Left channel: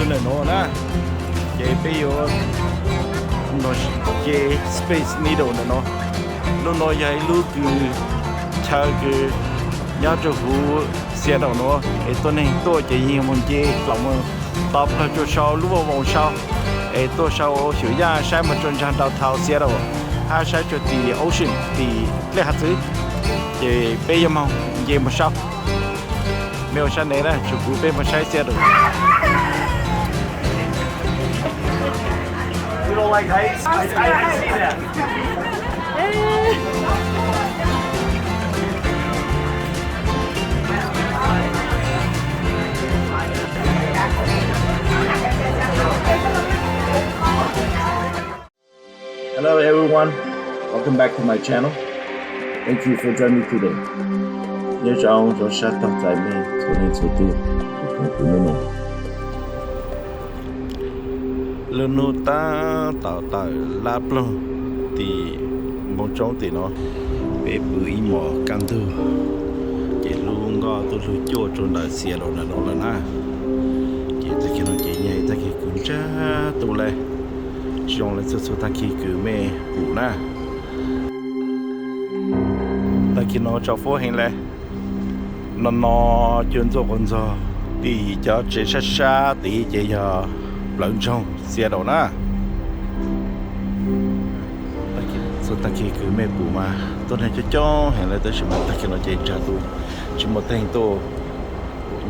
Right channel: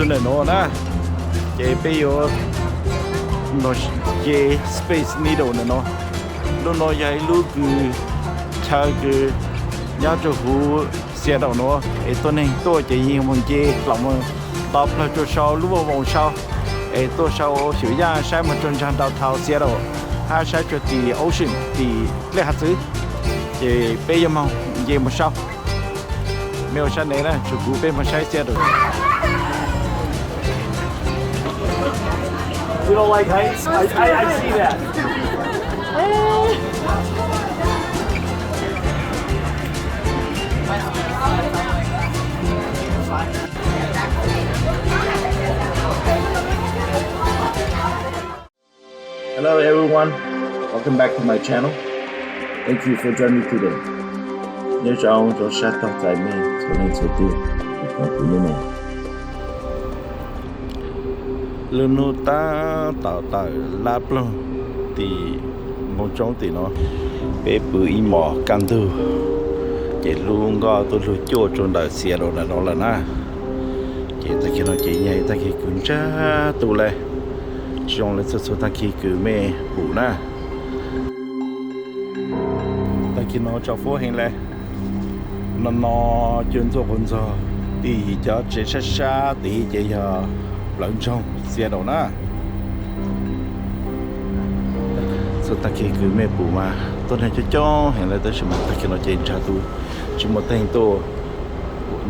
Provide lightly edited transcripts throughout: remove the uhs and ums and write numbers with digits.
tu này nó na chế bây giờ nó chế space needle này nó lúc nó dạy lúc cứ chờ cứ nhớ cho hú xe đầu nó ấy tôi này tôi chỉ nhìn một chế lòng tập là cho sau lúc vào vòng sau ấy tôi sau sửa ra sai mà chân trang đào thao xe đầu hai sai cho thì ocean thì lấy hạt thứ thì bây giờ mà về mà sau mèo sang này là chủ cú bên mà sai xe rồi. You don't like heights? I see that. Hello everyone, welcome back to my channel. Thank you for joining me today. Nhớ cho ông cho sát tóc tại mình cho nên số tiêu còn của nó lần nô ta tạo tạo láp luôn thì một trong thì nó bé bự im mỏ cam tư chỉ luôn có tôi luôn chua trong đời xe rồi là nó là na chỉ ta khi nó chỉ nhảy ta khi cứng cha tụ lại trong lại số ta khi cứ mê bự na ta khi nó cho phố hành lại nó chuyên做工作thì cho chế sát sát thì chế giờ lợn trong xe đầu na số ta khi cứ mê bù mà tôi này cho hiện lại tới xem ta khi nó chế cha tôi chỉ một tay tôi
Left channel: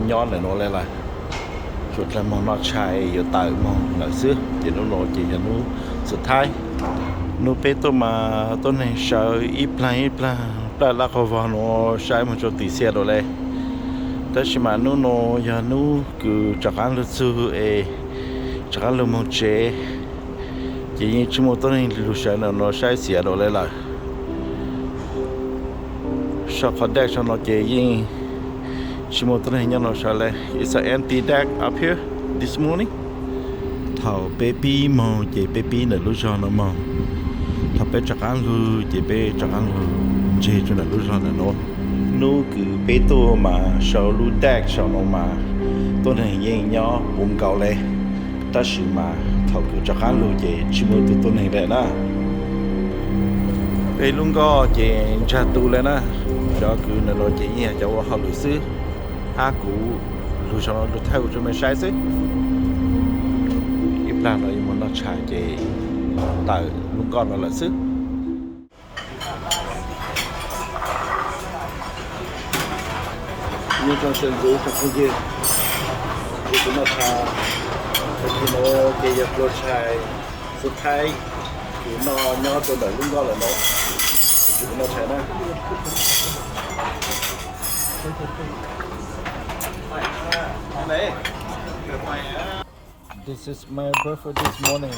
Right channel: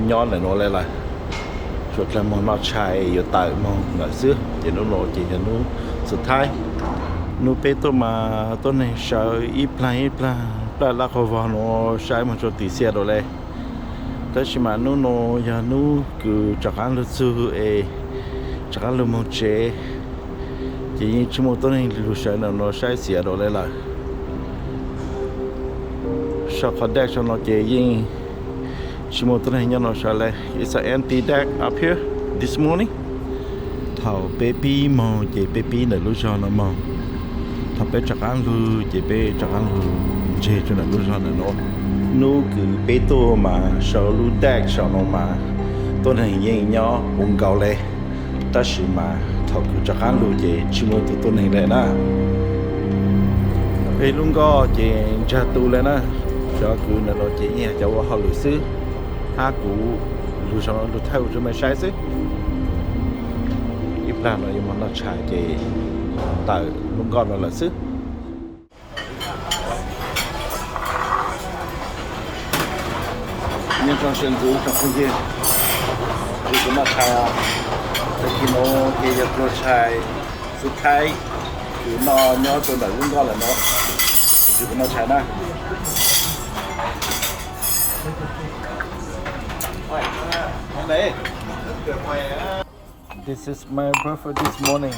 nhon lại nó lại là chuột là món nó chai ở tại mong là xưa chỉ nó chỉ là nóสุดท้ายnó bé tôi mà tôi này sợ ít là là khó vào nó sai một chỗ tí xe rồi đâyแต่ชิมานูโนยานูคือจากการรู้สึกจากการรู้มั้งเจยิ่งชิโมตัวนี้รู้ใช่เนาะnóใช้เสียดเลยล่ะชอบเขาแดกชอบnóเจยิ่งชิโมตัวนี้ยังnóใช้เลย it's an empty deck up here this morning Thao baby mongเจ baby เนี่ยรู้ชอบนะมองถ้าเป็นจากการรู้เจเปจากการรู้เจจนเนี่ยรู้ชอบเนี่ยเนาะnu cứ bé tô mà sau lu đạc sau nó mà tôi này nhẹ nhỏ buồn cầu lệ ta chỉ mà thọ cứ cho khán lu chị chỉ mua từ tôi này lệ na bé luôn có chị cha tu lệ na cho cứ nó chị nhẹ cho họ lười xứ ha cũ lu sau nó lu theo cho mình sai xứ ít là nó nhưng mà nó chạy chị tại luôn có nó là xứ nhưng trong sân dưới trong không gian thì cũng nó thay tại khi nó cái giật lôi thay suốt thay thì nó nhỏ cho đỡ lưng go là nó thì cũng nó thay na This is my breakfast this morning.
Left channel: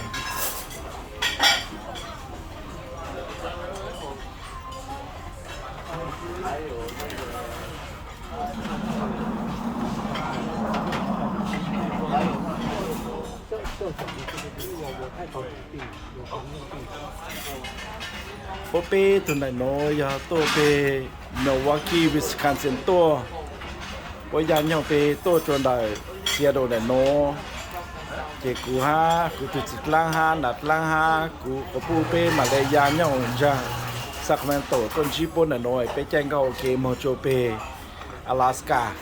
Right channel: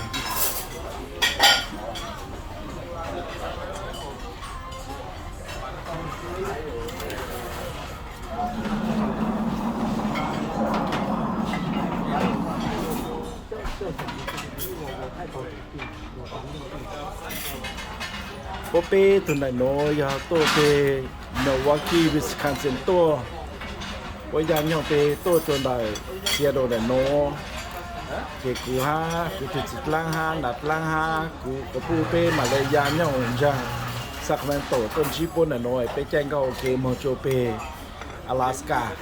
Bố bê tuần này nó giờ tôi bê Milwaukee, Wisconsin tôi bây giờ nhau bê tôi tuần này xe đồ này nó cái cú ha cú tự lang ha nát lang ha cú có bố bê mà lấy giá nhau ra Sacramento tuần chỉ bốn này nó bê chen cao ok một chỗ bê Alaska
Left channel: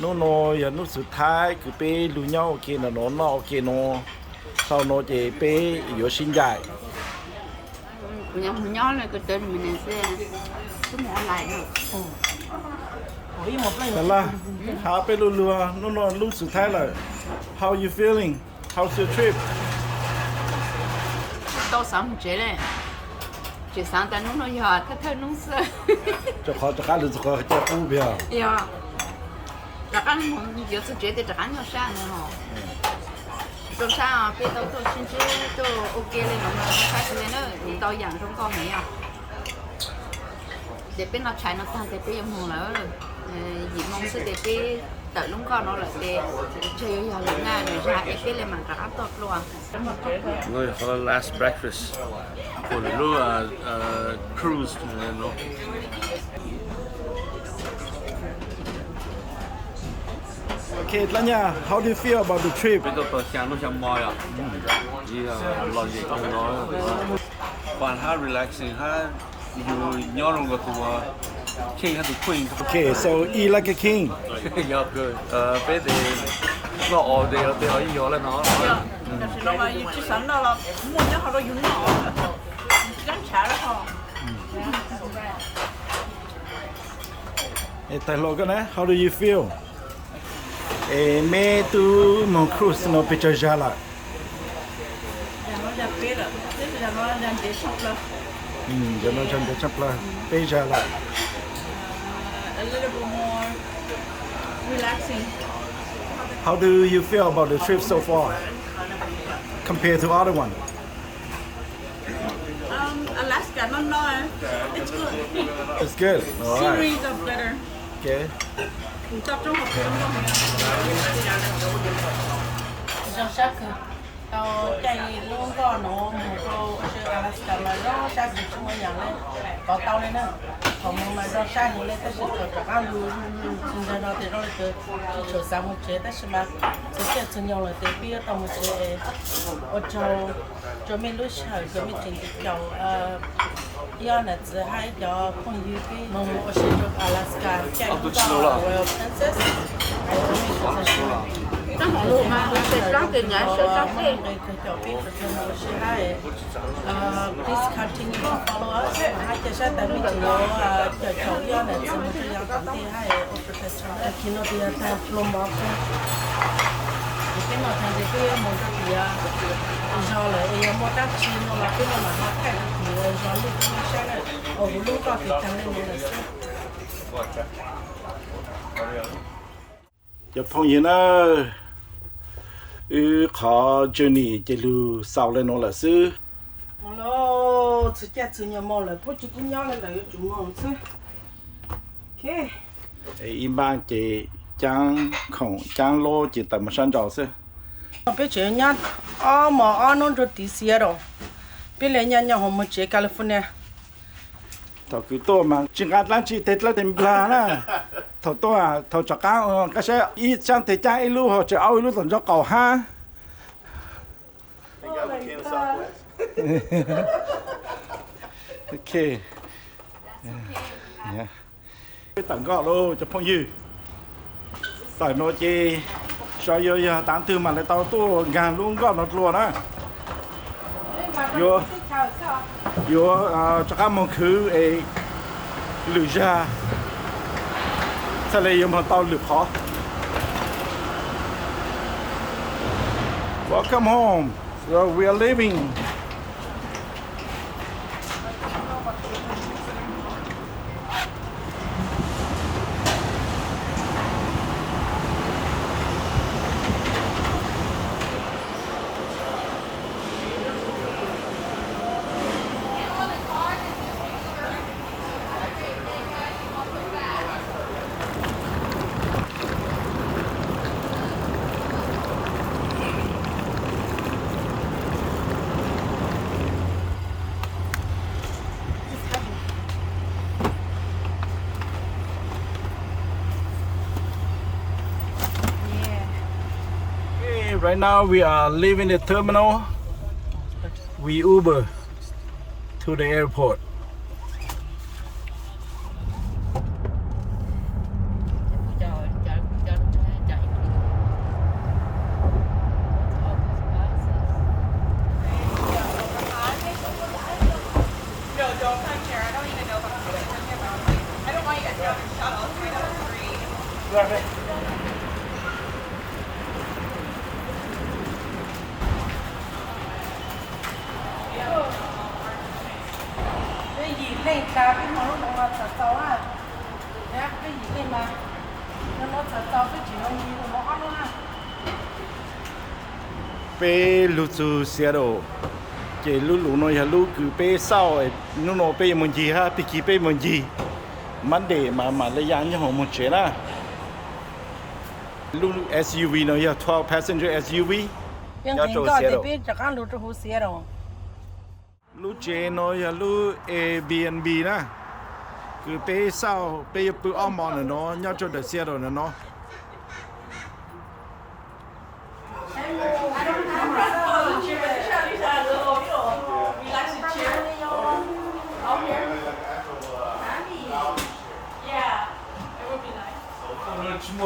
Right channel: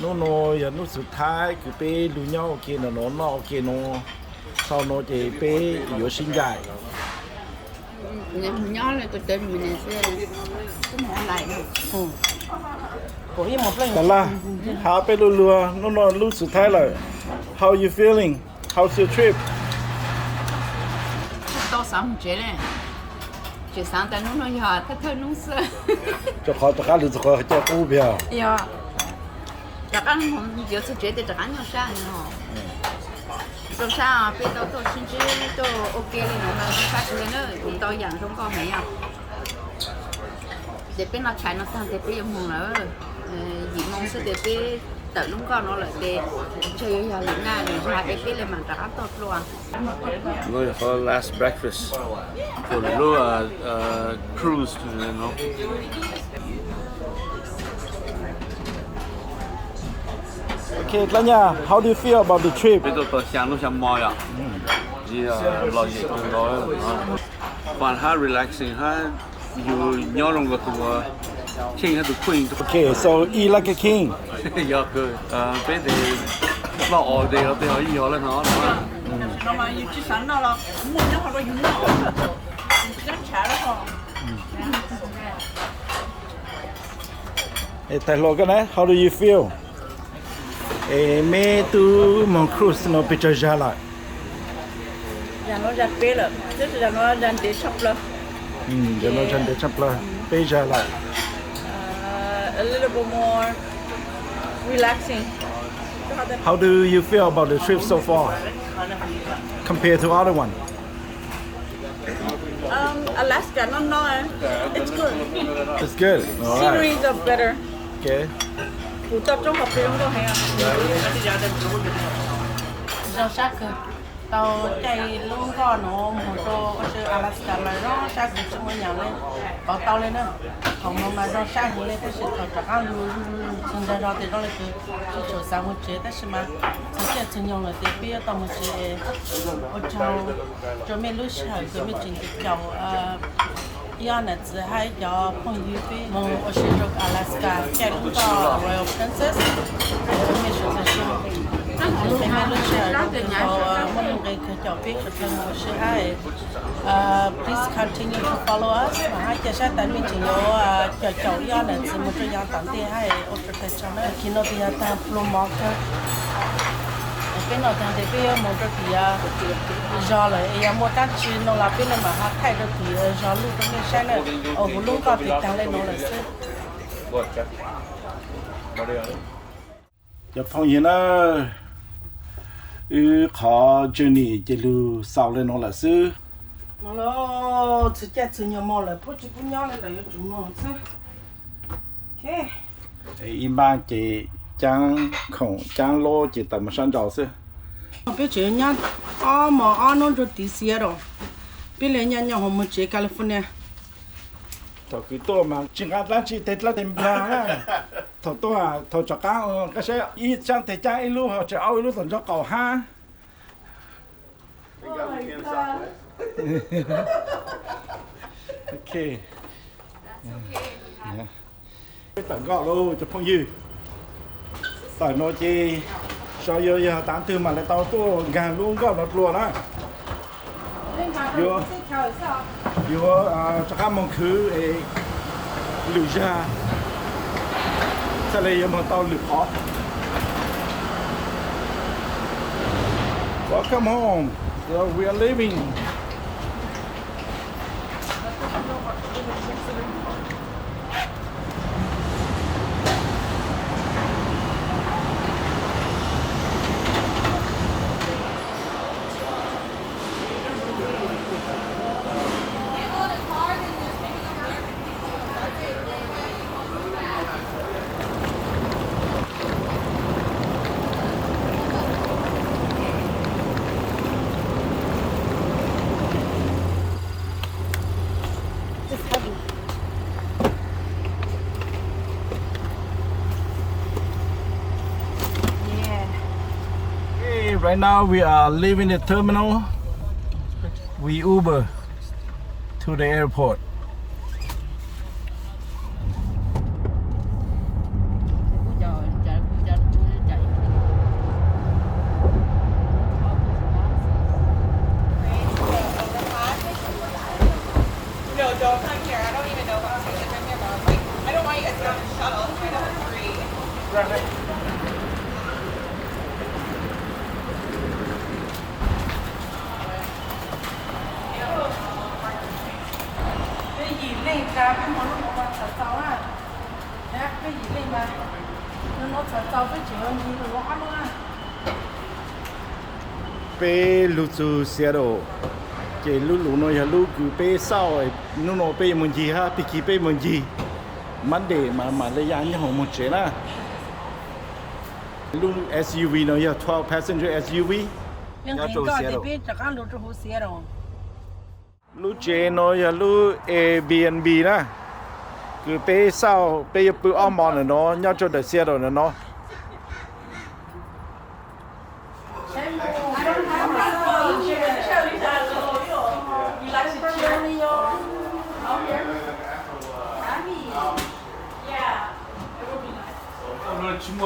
nó giờ nóสุดท้ายcú bê đủ nhau ok nó ok nó sau nó chỉ bê yếu sinh dài nhỏ này cái tên mình sẽ cái món này nè.แต่ละหาไปรัวๆน้องๆรู้สุดท้ายเลย How you feeling? How's your trip? Tao sáng chế này, chế sáng tại nó giờ thơ nó sơ. Cho khó cho cá được cho khó cho cú bèo. Dạ. Chắc ăn hôm giờ tôi chế thì chắc ăn nhiều sao nữa. Rồi sao bây giờ tôi xin chứ tôi ok lên nó mà nó khác lên nữa cũng tao dặn trong con này à để bên nó chạy nó tăng để bên em nữa gì mong sự để bên tự lúc con nó lại để chơi giờ lên na để ra em bên lên mà trả tốt luôn Rồi for last breakfast for the cruise, you know. Okay, Tanya, how do you feel about the trip? bây giờ tôi sáng lúc sáng mỏi à thì lo gì cũng nói còn ha relaxing ha you nhớ lòng cái tụi king ha tụi queen Okay, so eat like a king. giờ cơ bây giờ lo ở đây ở đây hỏi giờ lên nó Hey, Taylor, how do you feel? Me tu mon cruise no picture jala. Dạ nó ra bê là, tức là nó ra để sắp là. Giờ nó chân để chấp là pay jala. A little bit more relaxing. How do you feel about the trip so far compared to other one? Alaska, no, it's good. It's good. All right. Sceneries are better. Okay. Phụ tập trong học trường có hay à? Rau sắc cơ. Tao chạy luôn có nó một chỗ ở Alaska mà rau sắc thì chúng mình nhận lên, bảo tao lên nữa. Còn mà rau sắc thì lên, ta sẽ thọ cho ăn luôn. Xong rồi rau thì rau là cứ chỉ chỗ sáng một chế, ta sẽ mà thực hiện chúng nhau là để biết tao một chế ở chỗ mình lúc sau cứ mình chỉnh được chỗ giờ này chỉ hay cho phong yêu bi mong ở trên chỗ Alaska chạy lúc có Royal Princess mình sẽ mình lúc sau lúc chỗ mình cái chỗ biết chỗ thêm một số hay please continue to follow us mà hai chia sẻ tại mình chỉ có chỗ giờ này chỉ một chỗ tận thì hay ở chỗ thêm chỗ nữa khi nó đi ta promote cái nào thằng thì cái một chỗ thì do là em mua các chi nó là bên này mà họ thay được thì do lúc đó mình sẽ là ở vùng lúc có thì tăng lên nó là sẽ Giờ phong hiện nó khó journey chỉ lu sau lên nó là sư. mà nó chỉ chết chỉ nhau mà là bố chỉ cũng nhau là chúng nó chứ. Ok. Im ban chỉ trang khổng trang lô chỉ tầm một sân trào sư. Bây giờ nhá, mà nó rồi tí xíu rồi. Bây giờ nhá họ muốn chơi California. Thọ cái tôi mà chỉ ngắt lăn chỉ tết là tem bla na. Thọ tôi thọ cho cái sẽ ít sang tết cha ilu họ chỉ ao ilu tận cho cầu ha. Okay. Yeah. Cái tận gạo luôn cho phong dư. Tại nó chỉ cho yo tán tư mà lại tao tu gàn luôn có nó luôn á. Yo cho các mong khứ lử ra sẽ lấy một tao lử khó. Welcome home. So we are leaving. Right now we are leaving the terminal. We Uber to the airport. Pe lu tu Seattle, chỉ lu nói là lu cứ pe sau ấy, nó pe mình gì ha, pe kí pe mình gì, Monday mà lấy giá như họ một chế na. Lu SUV nói là 12 passenger SUV, nhà cho Seattle. Lu chế nói là lu Airbnb na, cứ pe sau pe bự om mòn nó, nhà cho the Seattle nó.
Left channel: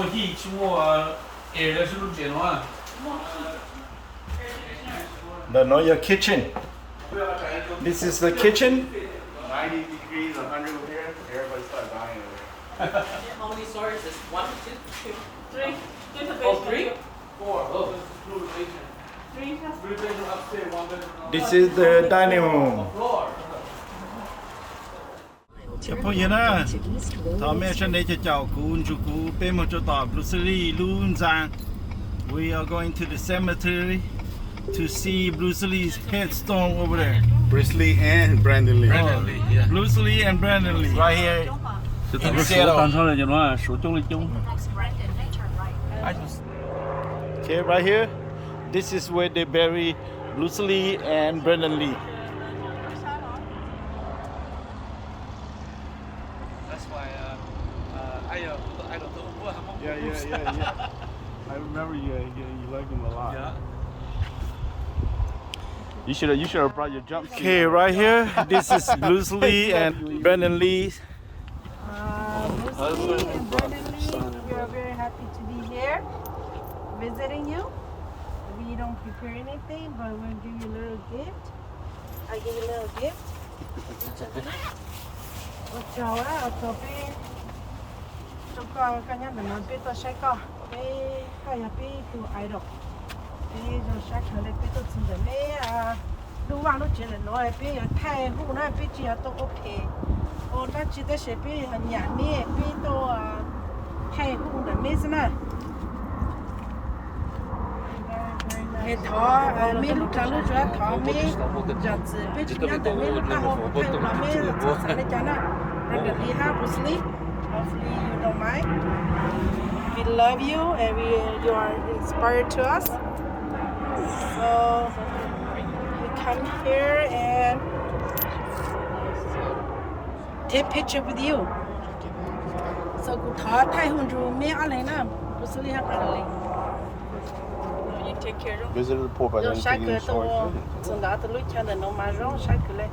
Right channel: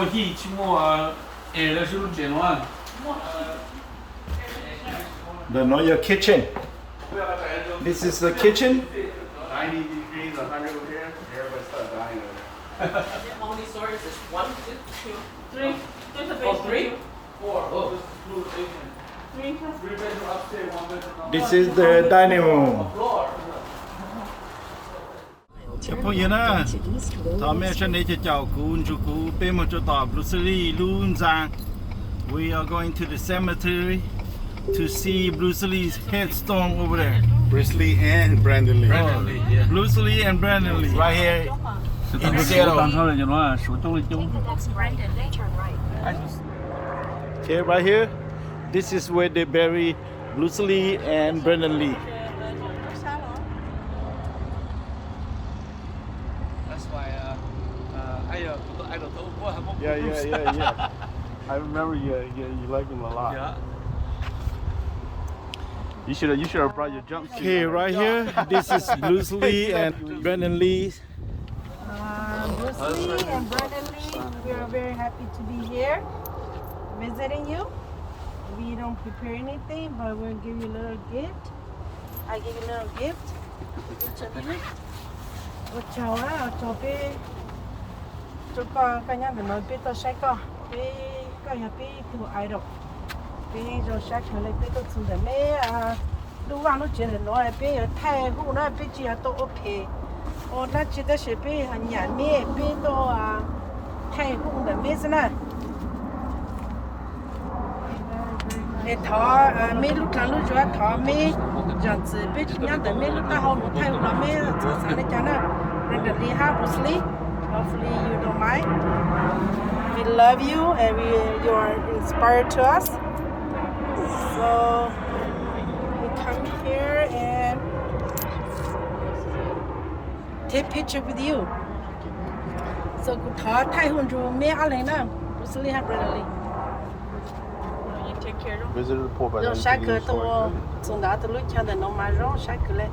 么地，去么了是不是这样The know your kitchen. This is the kitchen. ？90 degrees, 100 over here. Everybody start dying. How many stories is 1, 2, 3? Just a base 3? 4. Oh, three bedroom upstairs, 1 bedroom. This is the dining room. Floor. 小朋友呢，他们现在就照顾住顾，北门就到布鲁斯利路上。We are going to the cemetery to see Bruce Lee's headstone over there. Bruce Lee and Brandon Lee. Oh, Bruce Lee and Brandon Lee right here in Seattle. Okay, right here. This is where they bury Bruce Lee and Brandon Lee. That's why I don't know. Yeah. I remember you liked him a lot. Yeah. You should have brought your jumpsuit. Okay, right here. This is Bruce Lee and Brandon Lee. Bruce Lee and Brandon Lee, we are very happy to be here visiting you. We don't prepare anything, but we'll give you a little gift. I give you a little gift. Each of you. Cho bé cho con cả nhà mình nói bé tôi sẽ có bé có nhà bé tu idol bé rồi sẽ khởi lại bé tôi xuống để mẹ lúc vào lúc chuyện là nói bé thay hũ nói bé chỉ là tôi ok nó chỉ là sẽ bé nhà mẹ bé tôi thay hũ để mẹ xem nào thọ mẹ lúc trắng lúc rửa thọ mẹ giờ chỉ bé chỉ nhớ để mẹ lúc ta hậu lúc thay là mẹ cho sáng để cho nó Brandon Lee, Bruce Lee. Hopefully you don't mind. We love you and you are inspired to us. So we come here and take picture with you. So good talk. Thai hôn ru me aleng na. Bruce Lee, Brandon Lee. You take care of. Visitor report by Rồi the sáng cửa police tôi force. xuống đó tôi lúc cho đến nó mà rong sáng cửa lên.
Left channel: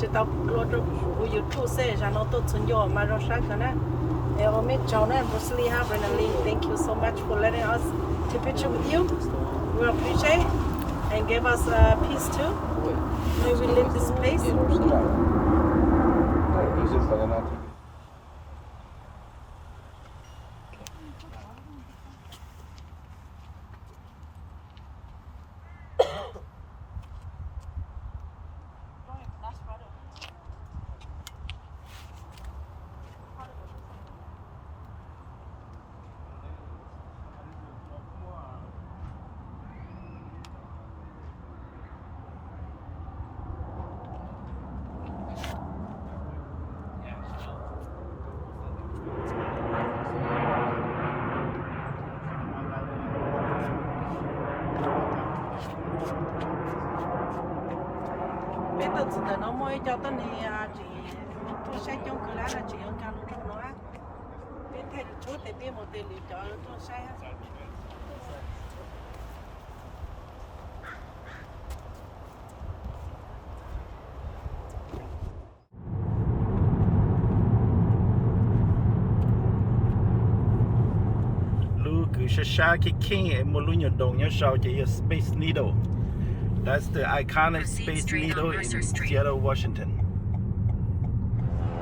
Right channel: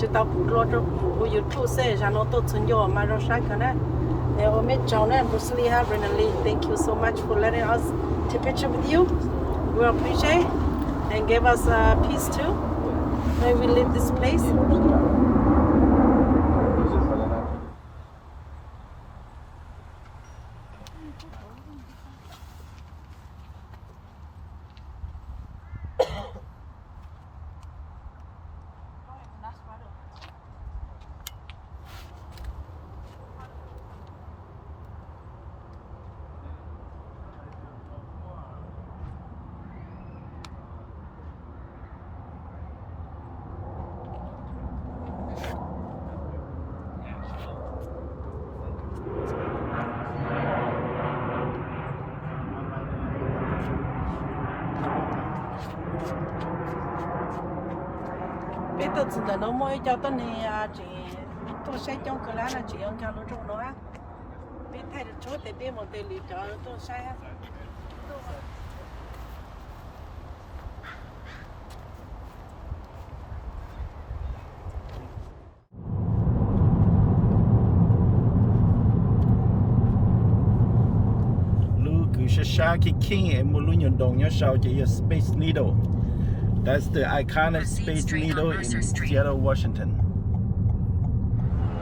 Chỉ tao phụ lo cho phụ của YouTube sẽ ra nó tốt hơn nhiều mà rong sáng cửa nè. Em mẹ cháu nè Bruce Lee, Brandon Lee, thank you so much for letting us take picture with you. We appreciate and give us peace too when we leave this place. Biết tôi chỉ nó mỗi cho tôi này chỉ tôi sẽ trong cái lá là chỉ ông cho nó trong nó á. Biết thay được chỗ thì biết một tiền lì cho tôi sai á. Shashaki King and Molunya Dong your Space Needle. That's the iconic Space Needle in Seattle, Washington.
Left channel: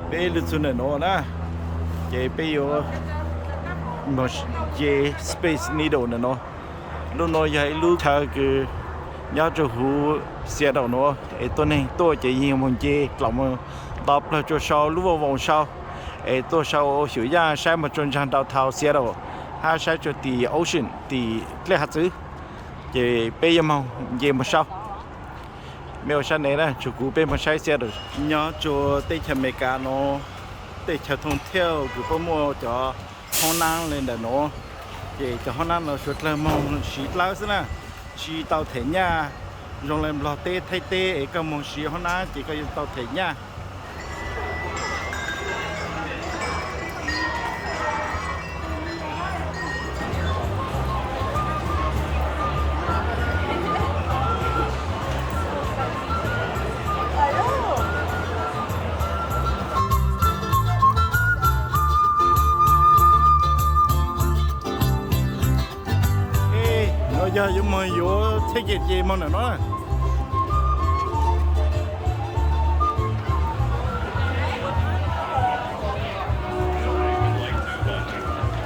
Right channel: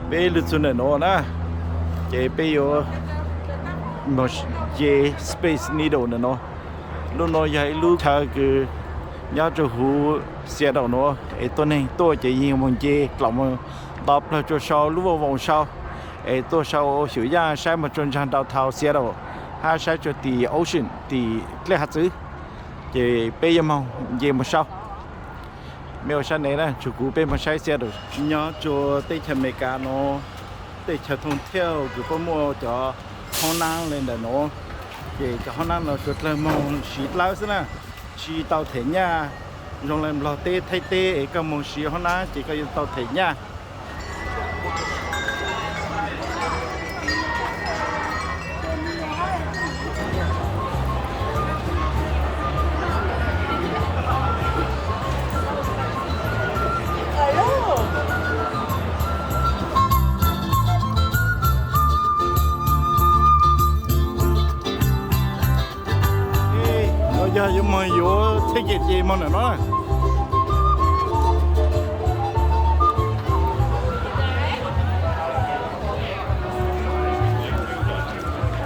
Bé lưu xuân nó na, cái bé yo một cái Space Needle nó, lúc nó dạy lúc cha cái nhớ cho hú Seattle nó, tôi này tôi chỉ nhìn một cái lòng đọc là cho sau lúc vào vòng sau, tôi sau sửa ra sai một chân trang đào Thao Seattle. Ha sai cho the ocean the lệ hạt xứ về bây giờ màu về một sau mèo sang này nè chủ cũ bên một sai xe rồi nhớ cho tây chân mê cá nó tây chân thông theo cứ có mua cho Hong Nam lên để nó về cho Hong Nam nó xuất là màu xịt lao xí nè chỉ tàu thể nha dùng làm lò tê thay tê cái màu xịt Hong Nam chỉ có tàu thể nha. giờ giờ mà vô thế cái gì mà nó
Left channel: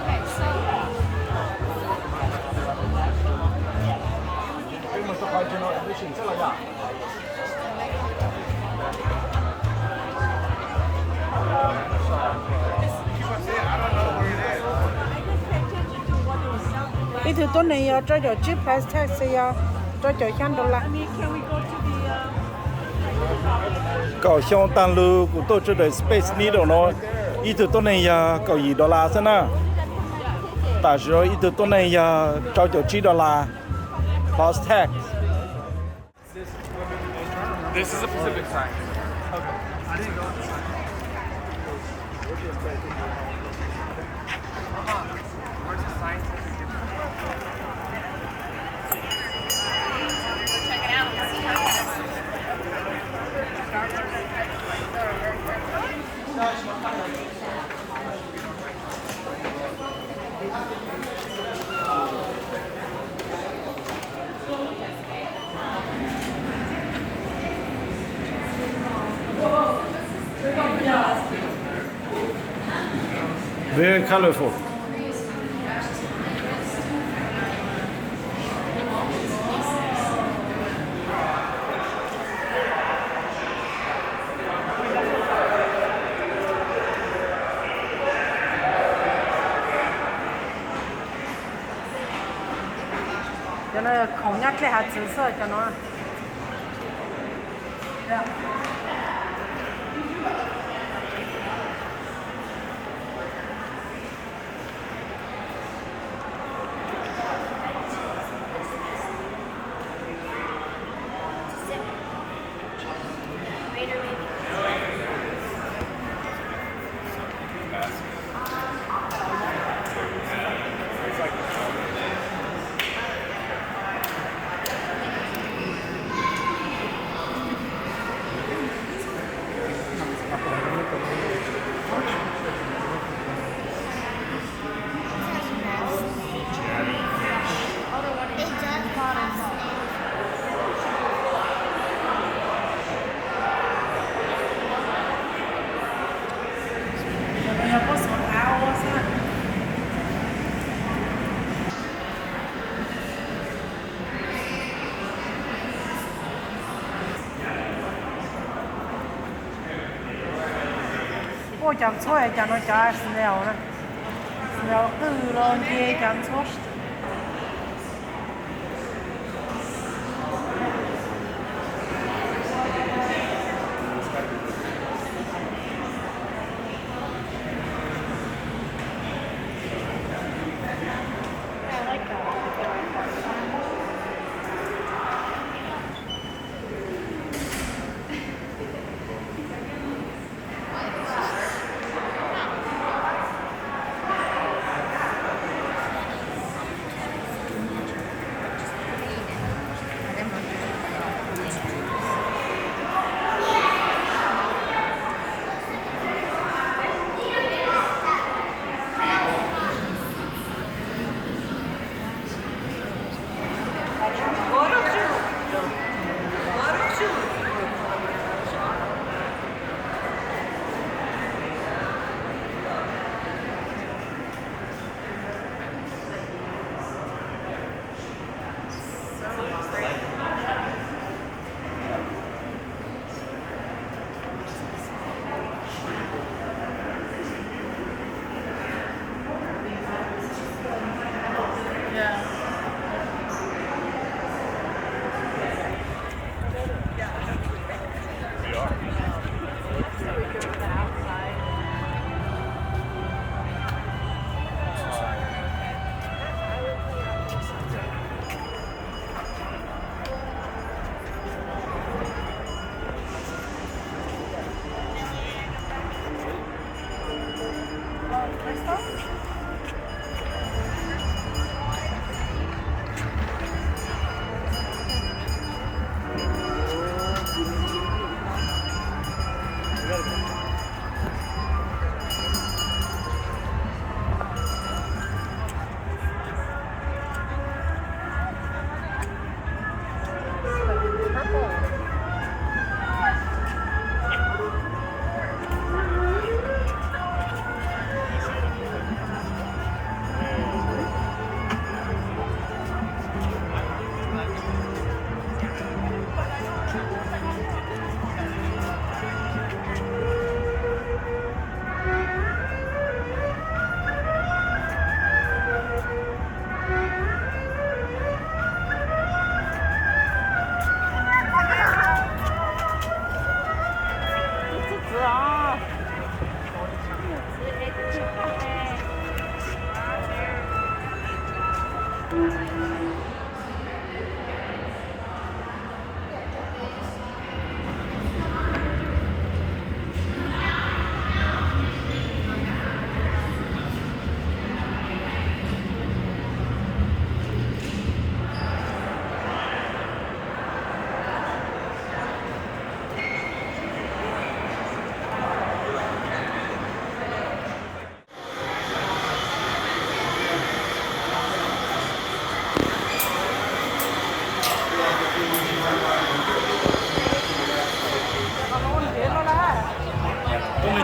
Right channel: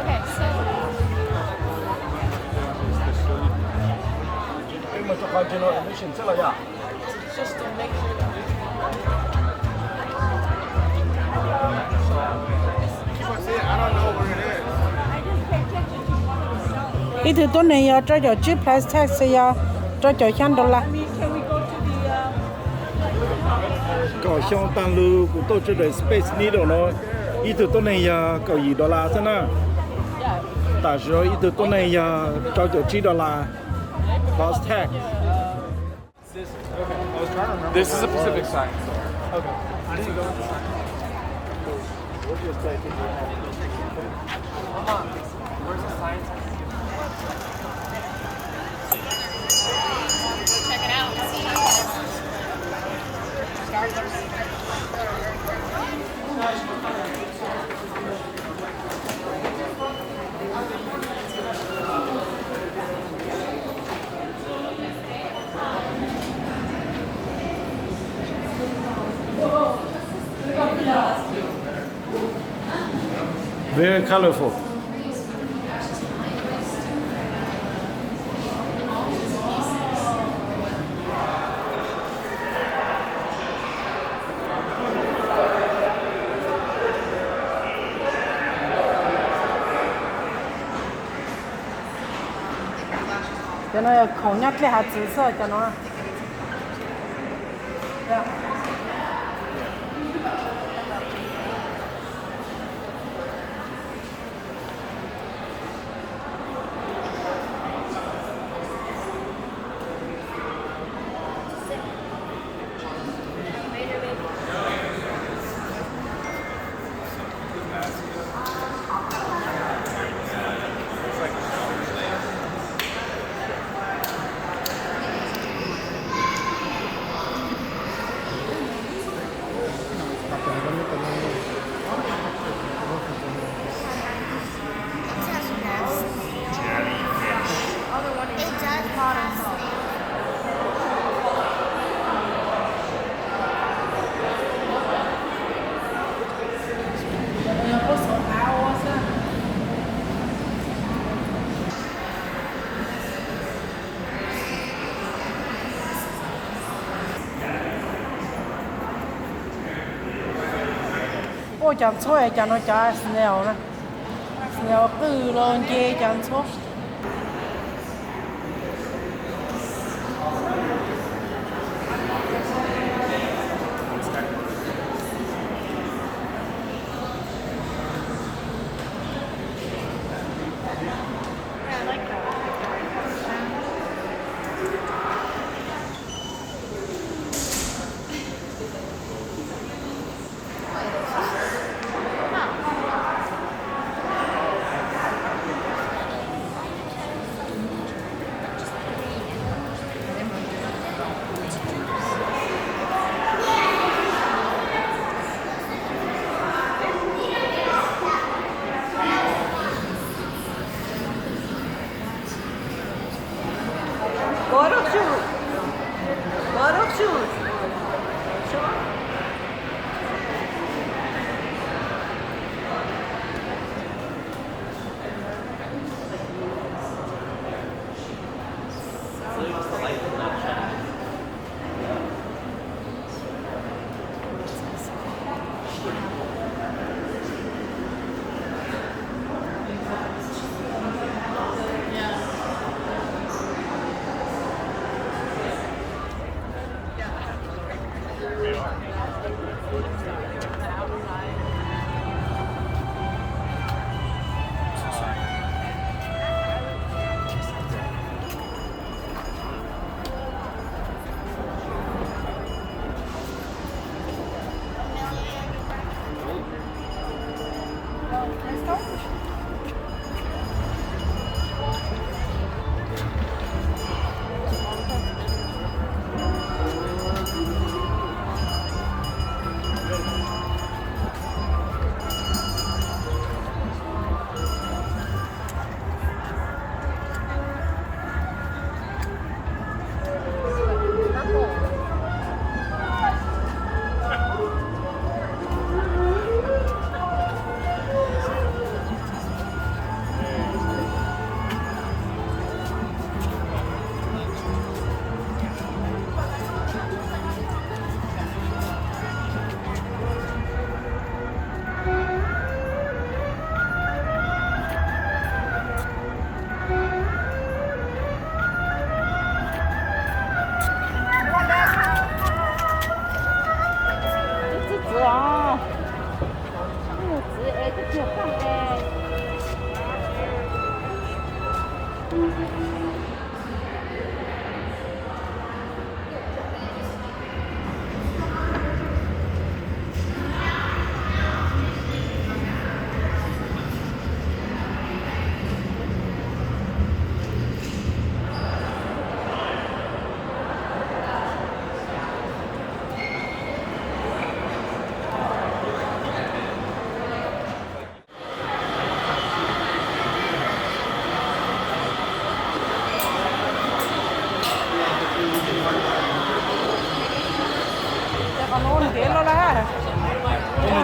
Okay, so cái mà cho khoai cho nó nó chuyển rất là nhỏ. Ít thứ tôi này cho chip price tag cho $100. cậu xong tăng lưu của tôi cho đời space needle nó ít từ tôi này cậu gì đô la thế nào tại rồi ít từ tôi này cho $3 cost tag This is a Pacific sign. very colorful cho nó thống nhất cái hạt紫色cho nó 我讲错也讲到家是那样的，是要够了你讲错。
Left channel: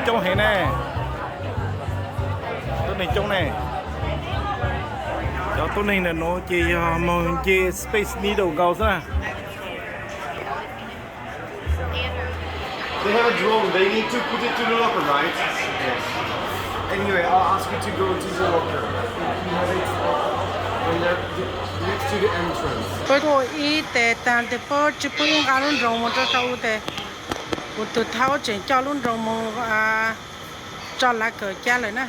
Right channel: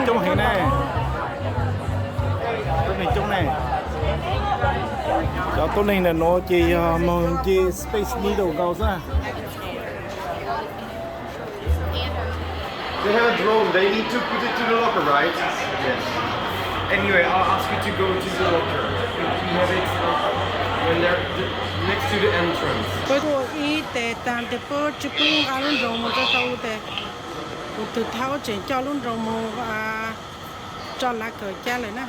trông hay nè. Tốt này trông này. Cho tốt này là nó chỉ màu chỉ Space Needle gạo ra. They have a drone. They need to put it to the locker, right? Yes. Anyway, I'll ask you to go to the locker. You have it when they're next to the entrance. Bởi cô ý để tàn để bố chỉ bố những cái luôn rồng một cho sau để cô tự tháo chỉ cho luôn rồng một cho lá cờ cha lại nè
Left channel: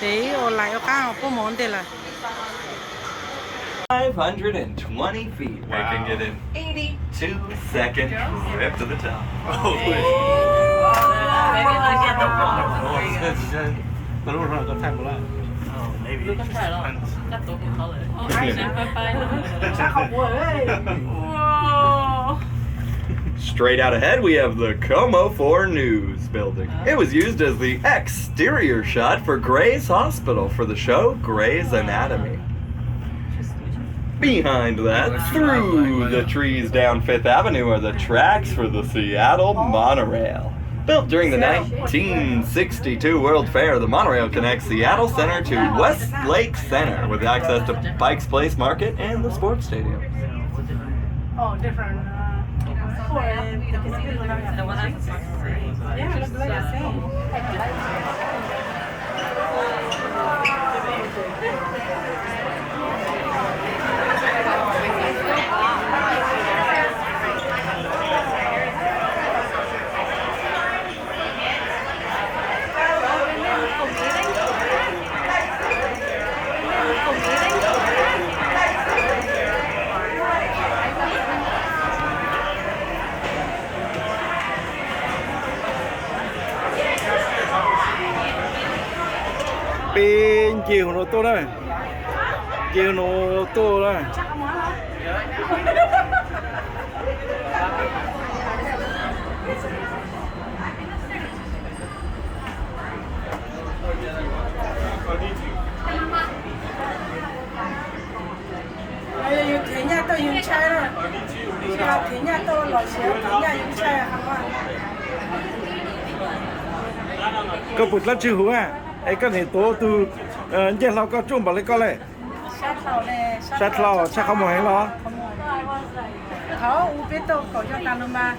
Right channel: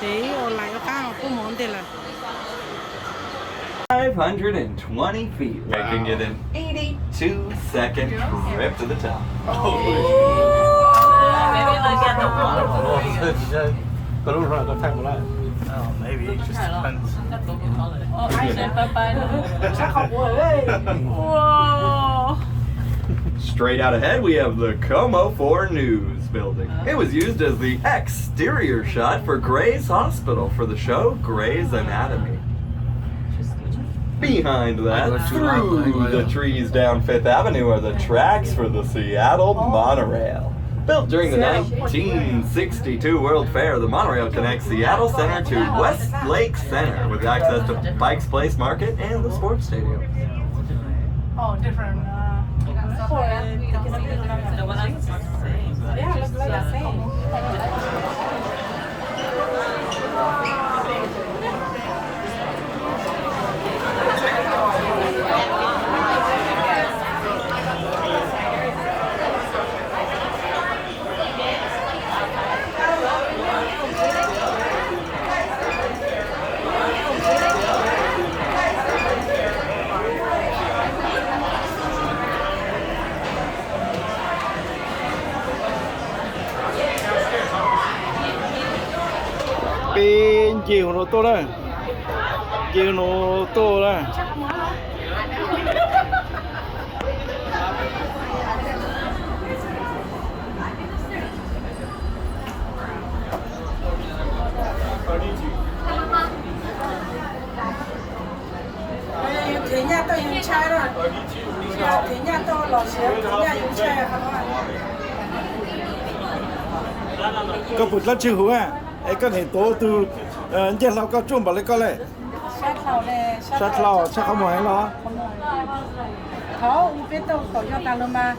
để ở lại ở cái bố món đây là 520 feet. We can get an 82-second trip to the top. Straight out ahead, we have the Como 4 News building. It was used as the exterior shot for Gray's Hospital for the show Gray's Anatomy. Behind that, through the trees down Fifth Avenue, are the tracks for the Seattle monorail. Built during the 1962 World Fair, the monorail connects Seattle Center to Westlake Center with access to Pike's Place Market and the sports stadium. oh different yeah look like the same bên chiều nó to đây, chiều nó to đây. thế nhà tôi dùng chai rồi thế nhà tôi lò xéo thế nhà dùng chai Hà Nội Có bút lát chữ hú à? Ấy cái này tố từ nhàเราก็จุ่มไปเลยก็เลย sát lò này sát lò chắc không phải lo. Thao u biết tôi có cho ta luôn mà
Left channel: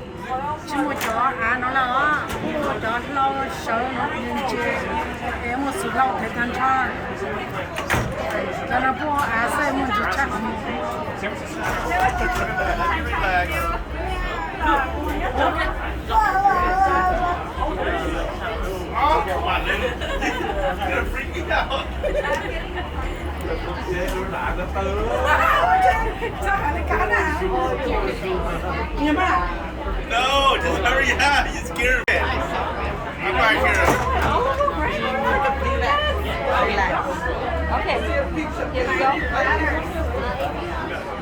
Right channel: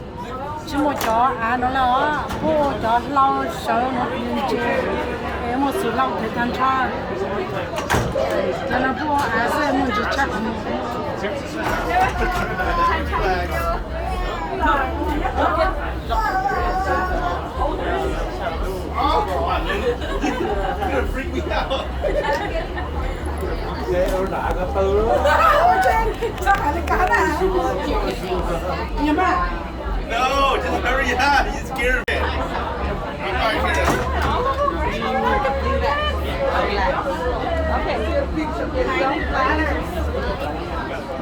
chỉ một chó nó là mua chó lau sợ nó lên chơi em một số lau thấy tan cho nó mua sẽ mua chỉ chắc không sao phải là cá nào nghe ba No, just hurry up. You scared me. I'm back here.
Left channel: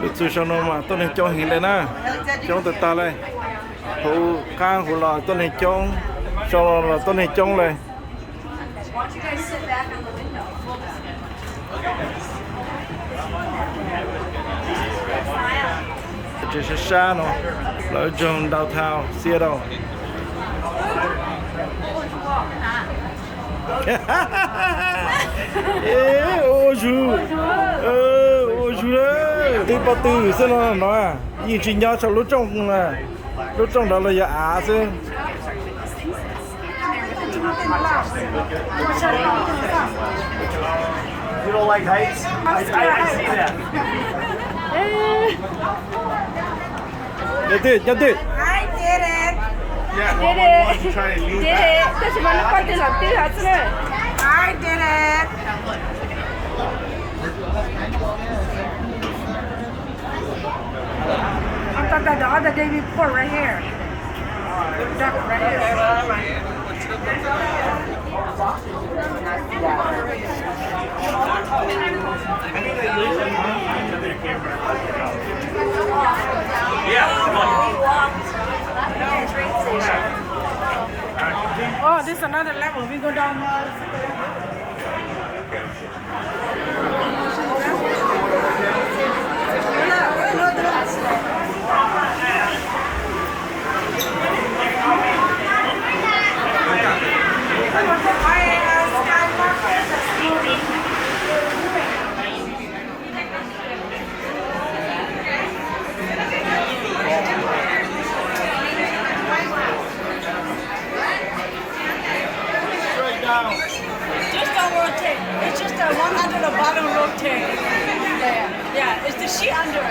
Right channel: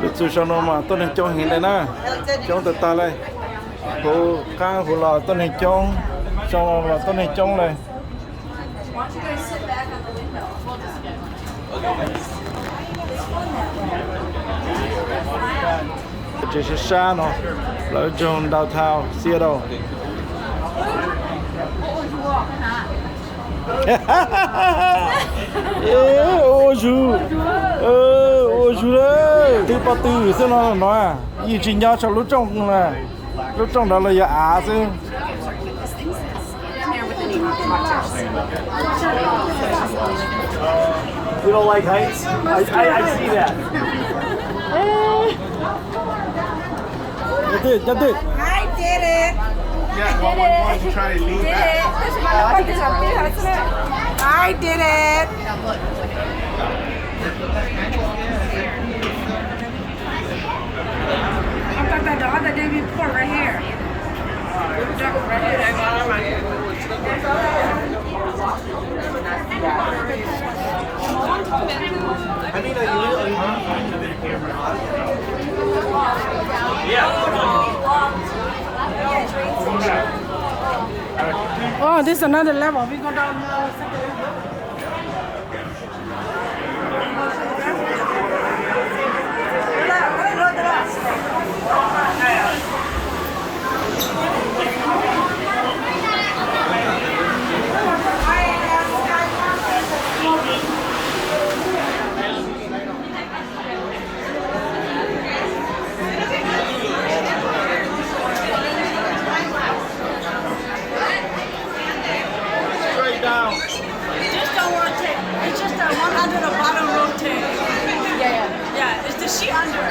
Được sự cho nó mà tôi nên cho hiện đây nè, cho từ ta đây, hồ khang hồ lò tôi nên cho, sau đó là tôi nên cho này. Chỉ là xa nó, là trong đào Thao, Seattle. Ô chú đấy, từ bao từ xem nó nói à, gì chỉ nhau cho lúc trong đó là giờ á chứ. You don't like heights? I see that. Nhớ tuyệt. I did it I did try to lean back. I did it I thought that the other day we put right here. Wow, this is another level. We go down second level. It's just a one under the bottom rotate. Yeah, it's the sheet under.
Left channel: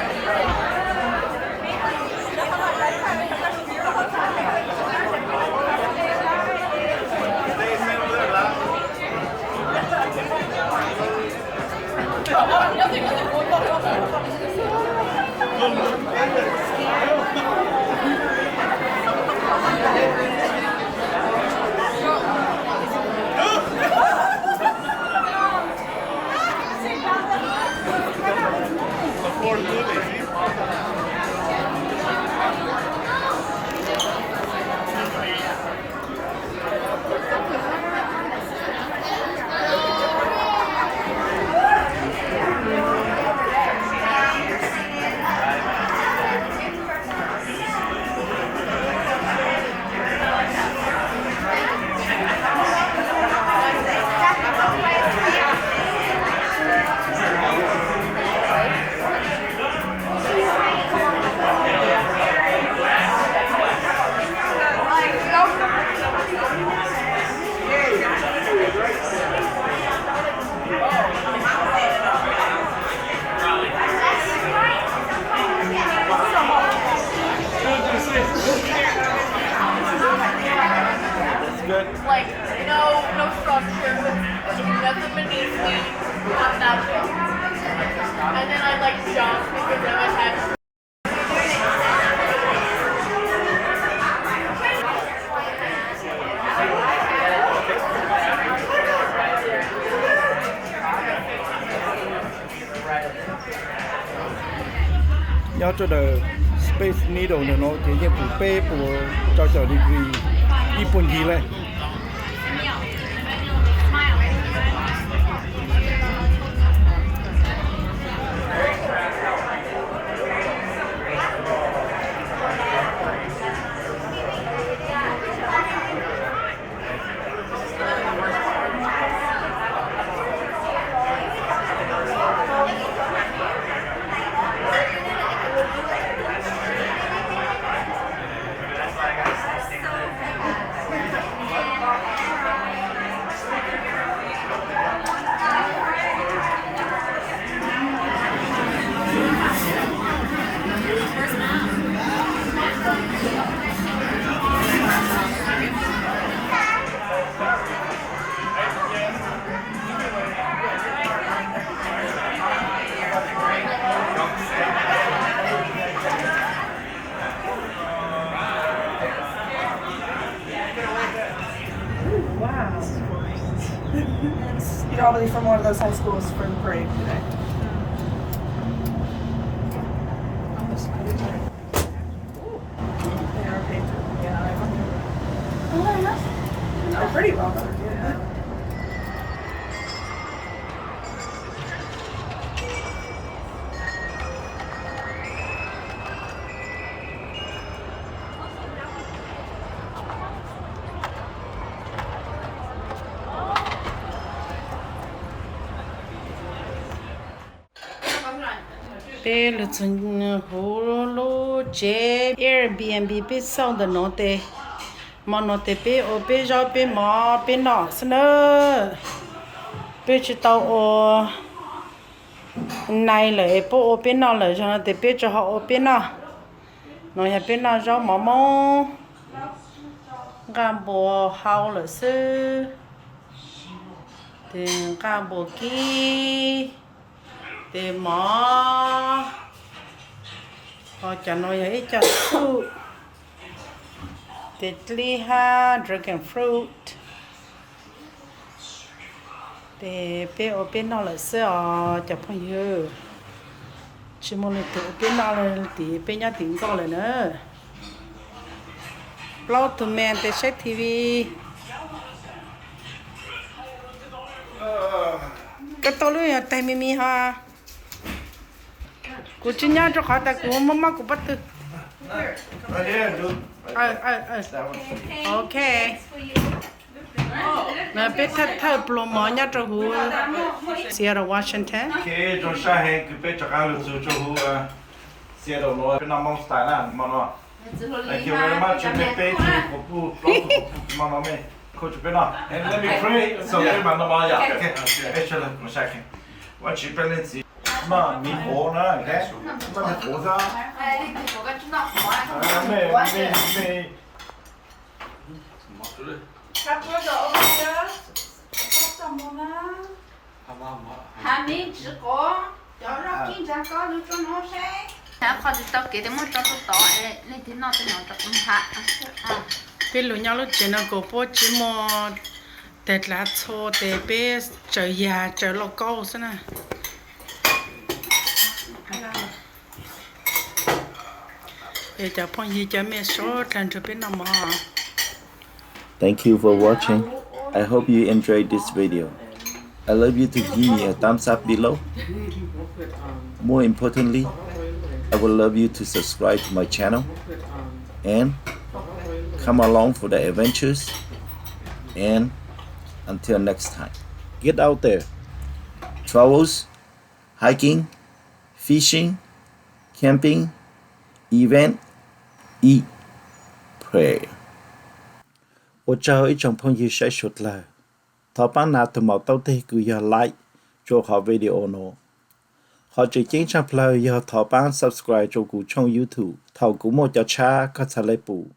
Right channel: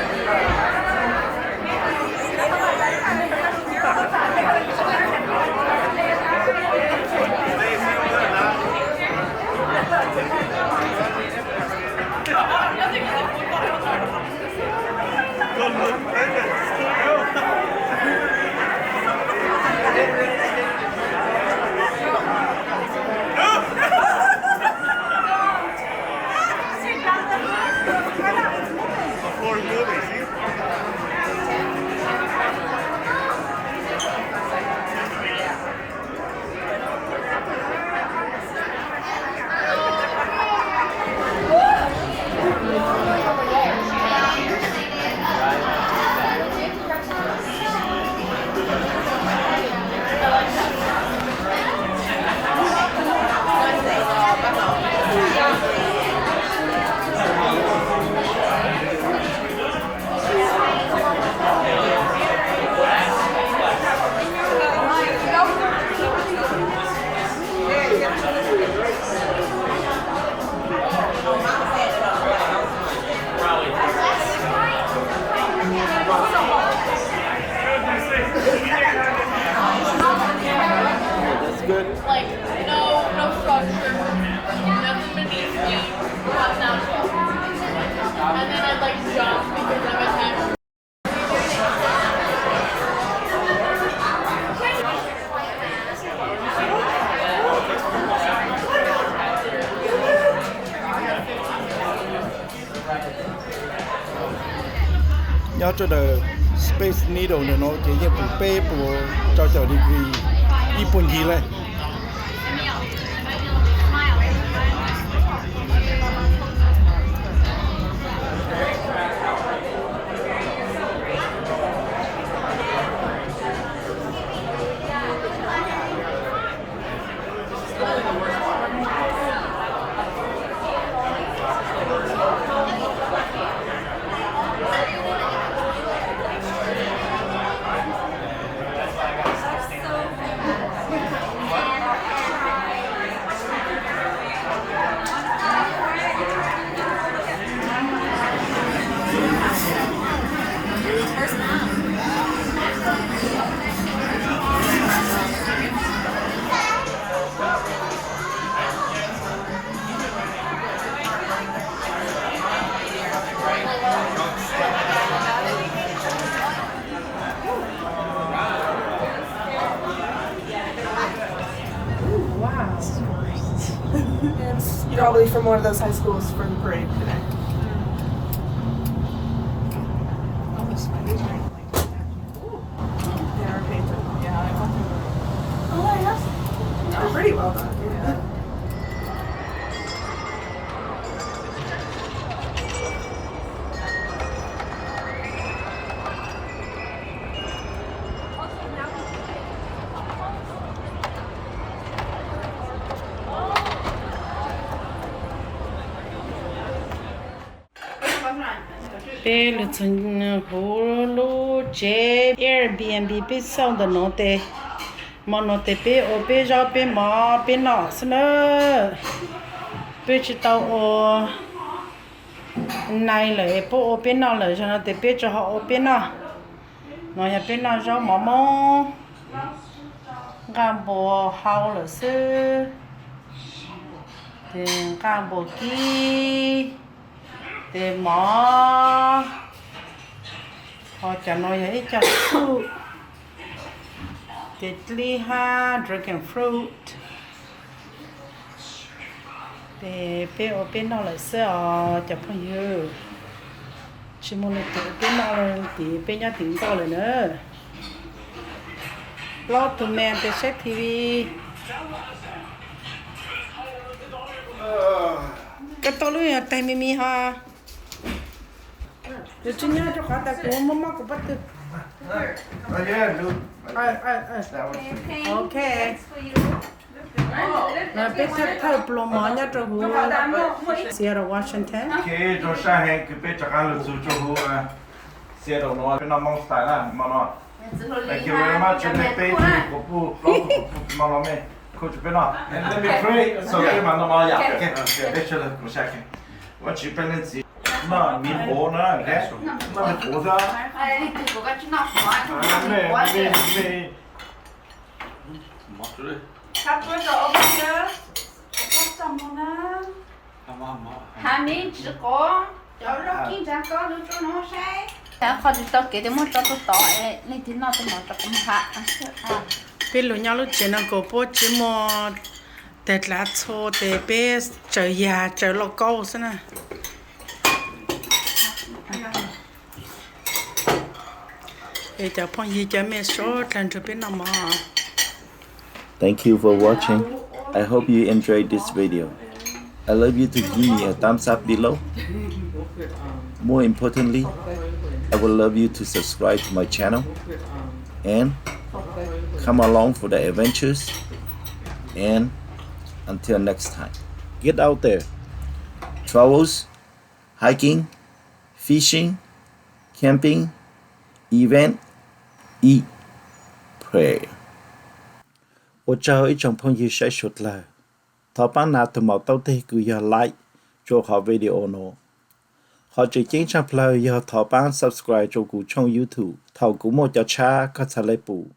That's good. Like, no structure, nothing beneath me, not that. And then I'd like jump because I must have. nhớ cho the space needle này nó chỉ như phụ bê của cho degree yปุ่นgìเลย Probably from one of those high schools for the parade today. They are painted. Yeah. Oh, yes. They're pretty well done. Yeah. Bé là chân hồ lô chế Airbnb bé xong的nó tê mà nó tê bé ở bé ra bé mà bé nọ xin nữa bé chỉ tao ở này lại bố ở bé nọ lại cho nó tê bé cho họ ở bé nọ nó nhà bé nọ ra mà mò gam bò hao là sư thì gam bò kia thì mỏ họ cho nói ấy cho fruit thì li ha dragon fruit thì bé ở bên đó là sẽ cho phong yêu chỉ muốn tự bên đó là thì bên nhà tỉnh cóเลยnữa lo tụi mình thì xem tivi cái tôi luôn tay mimi ha cô chỉ nhớ cho họ ta cô mama cô bắt được ok mà biết thật blo mỏ nhá cho hú Seattle Washington cái trong xã hệ cái bé chắc ăn được cho hú Seattle nó cái mong style là mà nó thank you very much cho bé bé của pu mong nó mẹ Coach Bernard, and let me pray. So pray my normal yeah. Okay. Let's chill for a second. What you balance? Ma mi ho na, okay? Ma mi ho da. Ai, thì có chút nào quá. Me. Cut the over here. Cut some more. Hà mi chỉ có cho nó kinh doanh có lúc cho nó sai.ถ้าเขาจะเก็บได้มันจะต่อในที่นอกจะมันจะเป็นหัก bây lúc nhau lúc chuyện nó có bố chỉ mò để lá cho để bé chờ nhà chờ lo câu thế nè để cho phong gì cho mẹ số lần cho bên nào mà Thank you for watching. I hope you enjoyed this video. I love you to give me a thumbs up below. More importantly, I would love you to subscribe to my channel and come along for the adventures. And until next time, get out there. Travels, hiking, fishing, camping, event, eat, pray. 我找一种朋友晒出来，他帮拿头毛到底个要 like 做好 video 喏，或者经常 play 要他帮 subscribe 做古冲 YouTube，头古莫叫差，佢才来补。